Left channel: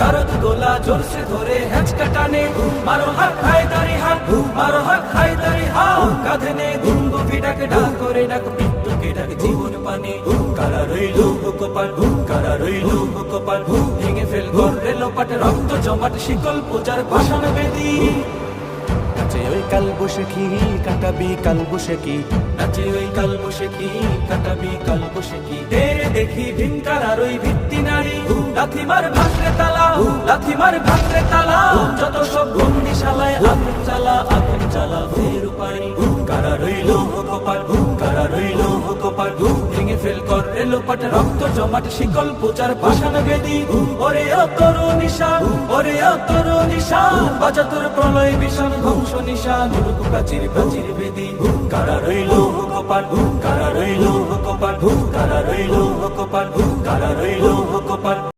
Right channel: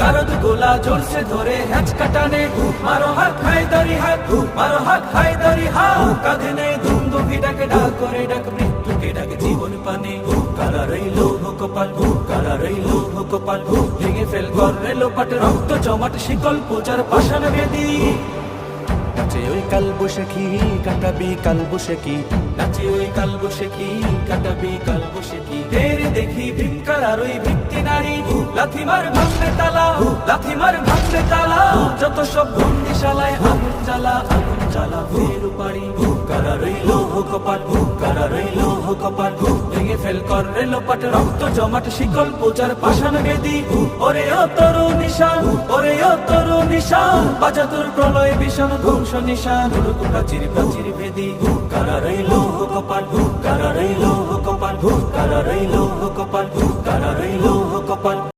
গারদ গোলা জোরসে ধরে হ্যাচকা টানে, মারো হাত খায় দাড়ি হাত, মারো হাত খায় দাড়ি হাত, কাঁধে নেই দুঙ্গ ভিড়াকে ডাক করে ডাক মৃত্যুকে ডাক জীবন পানে। কারা রইল হুকপাল, কারা রইল হুকপাল, ভেঙে ফেল করে লোপাট রক্ত জমাট শিকল পূজার পাষাণ বেদী। নাচে ওই কাল বসেখি কাটাবি কাল বসেখি, নাচে ওই কাল বসেখি কাটাবি কাল বসেখি। তেরে দেখি ভিনকার আর ওই ভিত্তি নারী, লাথিমার ভাঙরে তালা, লাথিমার ভাঙরে তালা, যত সব বন্দিশালায় আগুন জ্বালা, আগুন জ্বালা ফের পাড়ি। কারা রইল হুকপাট, কারা রইল হুকপাট, ভেঙে ফেল করে লোপাট রক্ত জমাট শিকল পূজার পাষাণ বেদী। ওরে ও তোর নিশান, ওরে ও তোর নিশান, বাজা তোর প্রলয় বিষাণ ধ্বংস নিশান, রূপ প্রাচীর প্রাচীর ভেদী। কারা রইল হুকপাট, কারা রইল হুকপাট, কারা রইল হুকপাট, কারা রইল হুকপাট।